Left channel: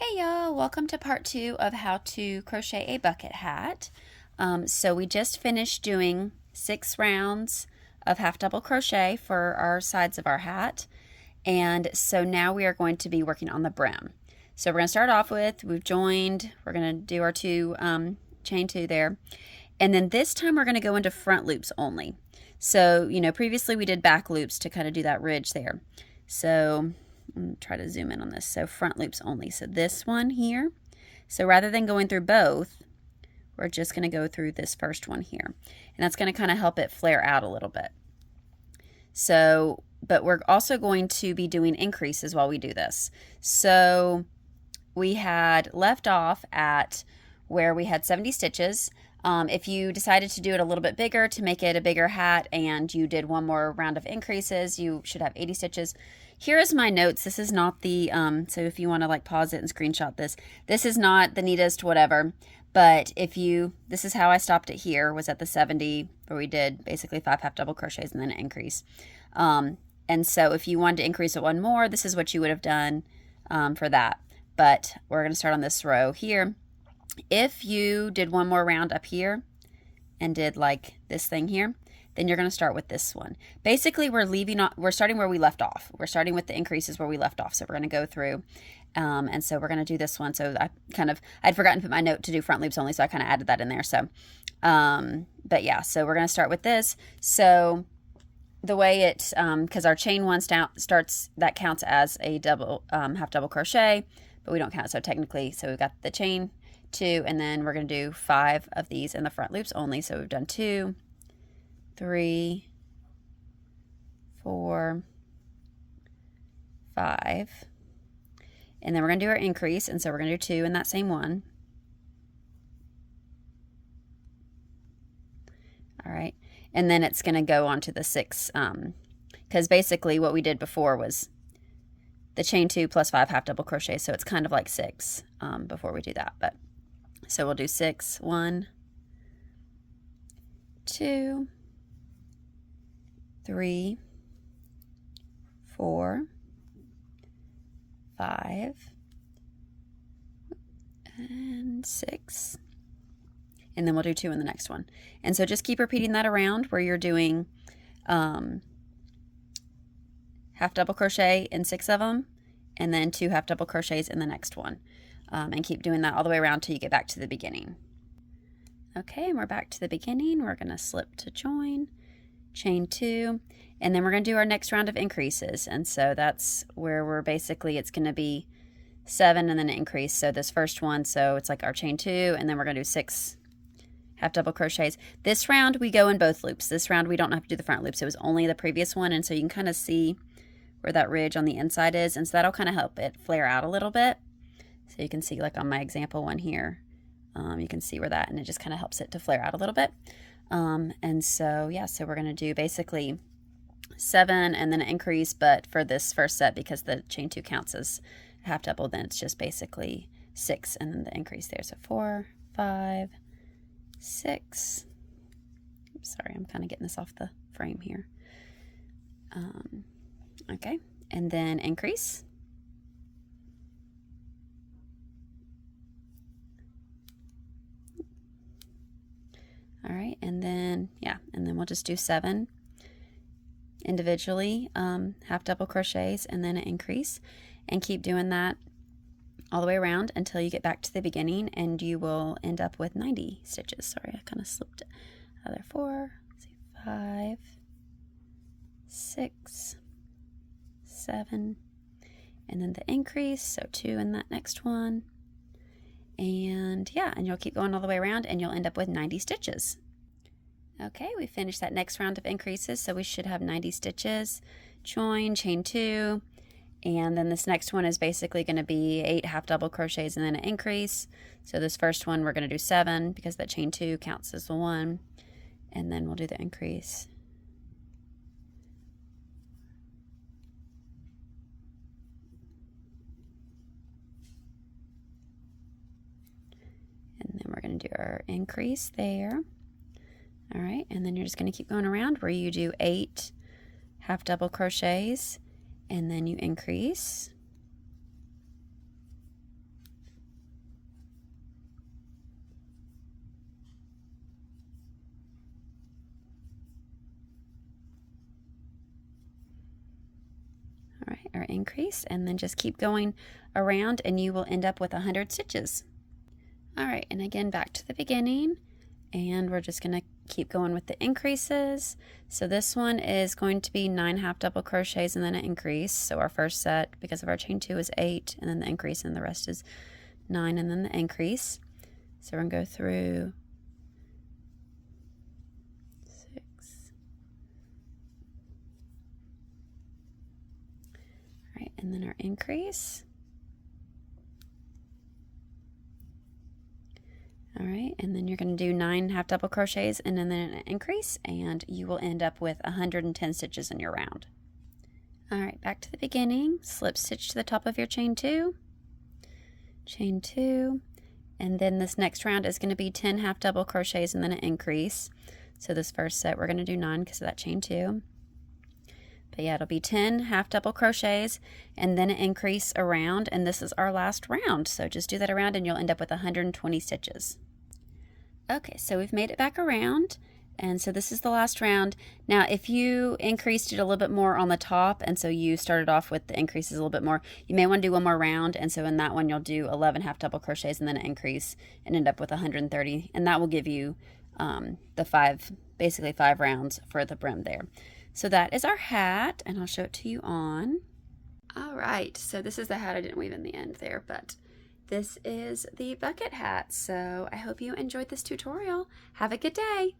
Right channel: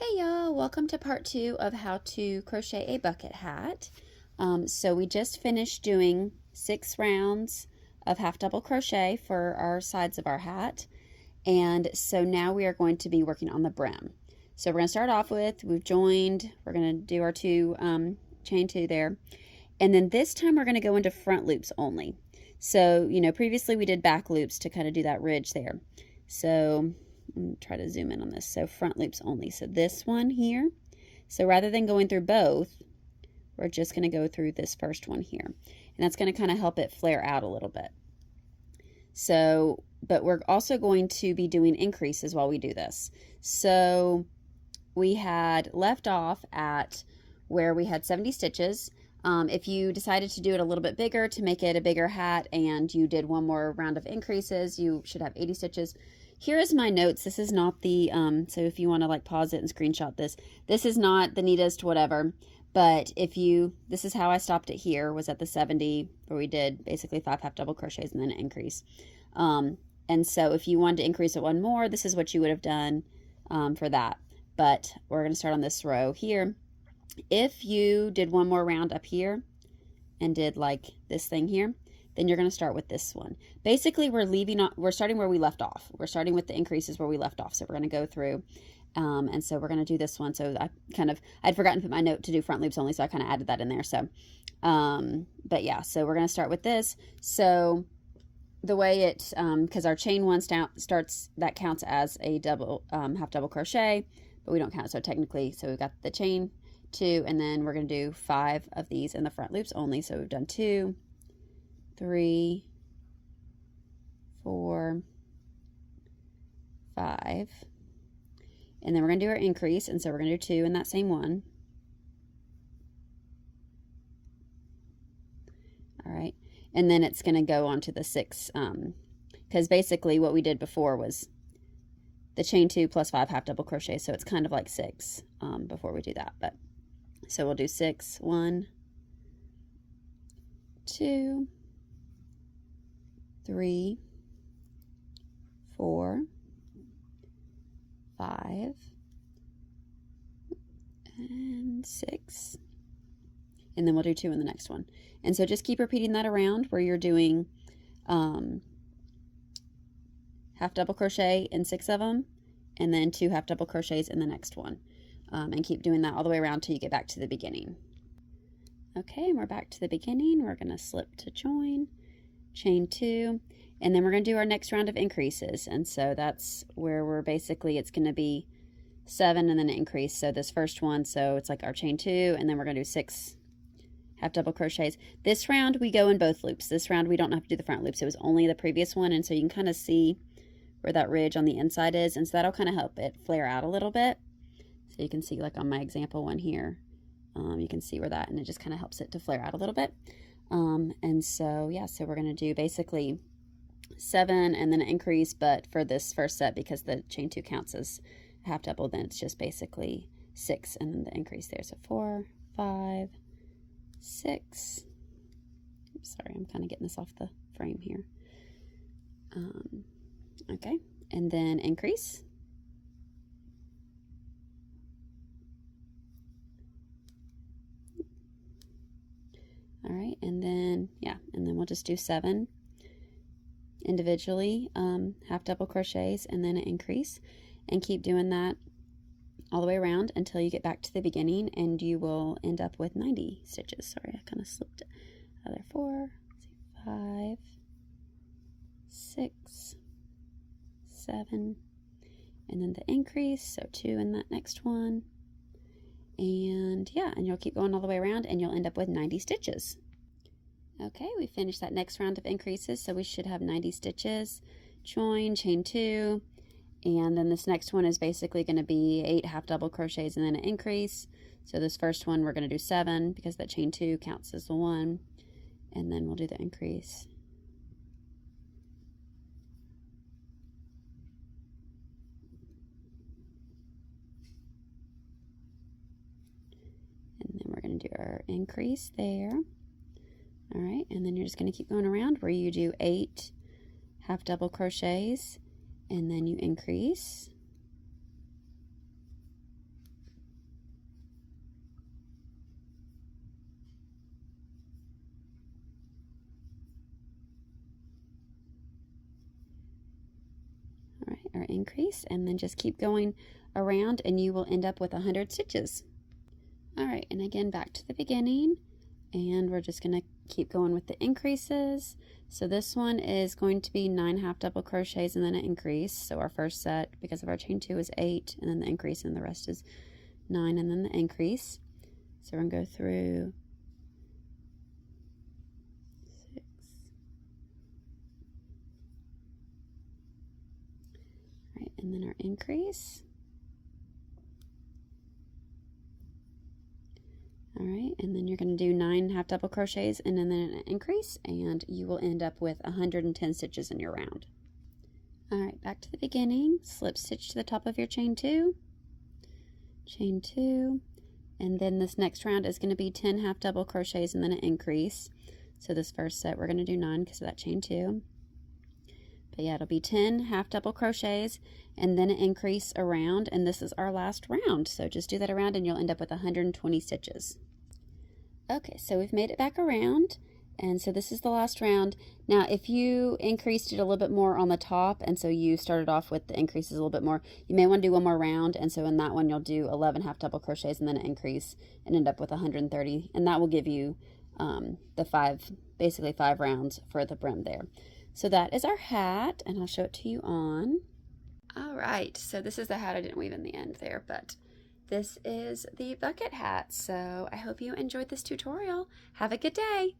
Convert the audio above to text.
Hey y'all, welcome to part 2 of how to crochet a bucket hat. So we just finished doing 6 rounds of half double crochet for our sides of our hat, and so now we are going to be working on the brim. So we're going to start off with, we've joined, we're going to do our chain 2 there, and then this time we're going to go into front loops only. So previously we did back loops to kind of do that ridge there. So I'm going to try to zoom in on this. So front loops only. So this one here. So rather than going through both, we're just going to go through this first one here. And that's going to kind of help it flare out a little bit. So, but we're also going to be doing increases while we do this. So we had left off at where we had 70 stitches. If you decided to do it a little bit bigger to make it a bigger hat and you did one more round of increases, you should have 80 stitches. Here is my notes. This is not the, so if you want to like pause it and screenshot this, this is not the neatest whatever, but this is how I stopped it here, was at the 70, where we did basically 5 half double crochets and then an increase. And so if you wanted to increase it one more, this is what you would have done for that. But we're going to start on this row here. If you did one more round up here and did like this thing here, then you're going to start with this one. Basically, we're starting where we left off. We're starting with the increases where we left off. So we're going to go through, and so we're going to do this one. So I'd forgotten to put my note to do front loops only, so I kind of added that in there. So, but yeah, so we're going to start with this. So the way it, because our chain 1 starts, that counts as a double, half double crochet, but we don't count it. So technically, so we've got the chain 2, and then we're going to do 5 of these in the front loops only. So we've done 2, 3, 4, 5, and then we're going to do our increase, and so we're going to do 2 in that same one. All right, and then it's going to go on to the 6, because basically what we did before was the chain 2 plus 5 half double crochet, so it's kind of like 6 before we do that. But so we'll do 6, 1, 2, 3, 4, 5, and 6, and then we'll do 2 in the next one. And so just keep repeating that around where you're doing half double crochet in 6 of them, and then 2 half double crochets in the next one, and keep doing that all the way around till you get back to the beginning. Okay, and we're back to the beginning. We're going to slip to join, chain 2, and then we're going to do our next round of increases. And so that's where we're basically, it's going to be 7 and then an increase. So this first one, so it's like our chain 2, and then we're going to do 6 half double crochets. This round we go in both loops. This round we don't have to do the front loops. It was only the previous one, and so you can kind of see where that ridge on the inside is, and so that'll kind of help it flare out a little bit. So you can see, like on my example one here, you can see where that, and it just kind of helps it to flare out a little bit. And so yeah, so we're going to do basically 7 and then an increase, but for this first set, because the chain 2 counts as half double, then it's just basically 6 and then the increase there. So 4, 5, 6. Sorry, I'm kind of getting this off the frame here. Okay, and then increase. All right, and then, yeah, and then we'll just do 7 individually, half double crochets, and then an increase, and keep doing that all the way around until you get back to the beginning, and you will end up with 90 stitches. Sorry, I kind of slipped it. Other 4, 5, 6, 7, and then the increase, so 2 in that next one. And yeah, and you'll keep going all the way around and you'll end up with 90 stitches. Okay, we finished that next round of increases, so we should have 90 stitches. Join, chain 2, and then this next one is basically going to be 8 half double crochets and then an increase. So this first one we're going to do 7 because that chain 2 counts as the 1, and then we'll do the increase. And then we're going to do our increase there. All right, and then you're just going to keep going around where you do 8 half double crochets and then you increase. increase, and then just keep going around and you will end up with 100 stitches. All right, and again back to the beginning, and we're just going to keep going with the increases. So this one is going to be 9 half double crochets and then an increase. So our first set, because of our chain 2, is 8, and then the increase, and the rest is 9 and then the increase. So we're going to go through 6, all right, and then our increase. All right, and then you're going to do 9 half double crochets and then an increase, and you will end up with 110 stitches in your round. All right, back to the beginning. Slip stitch to the top of your chain 2, and then this next round is going to be 10 half double crochets and then an increase. So this first set we're going to do 9 because of that chain 2. But yeah, it'll be 10 half double crochets and then an increase around, and this is our last round. So just do that around and you'll end up with 120 stitches. Okay, so we've made it back around, and so this is the last round. Now, if you increased it a little bit more on the top, and so you started off with the increases a little bit more, you may want to do one more round, and so in that one you'll do 11 half double crochets and then an increase and end up with 130, and that will give you basically 5 rounds for the brim there. So that is our hat, and I'll show it to you on. All right, so this is the hat I didn't weave in the end there, but this is the bucket hat. So I hope you enjoyed this tutorial. Have a good day.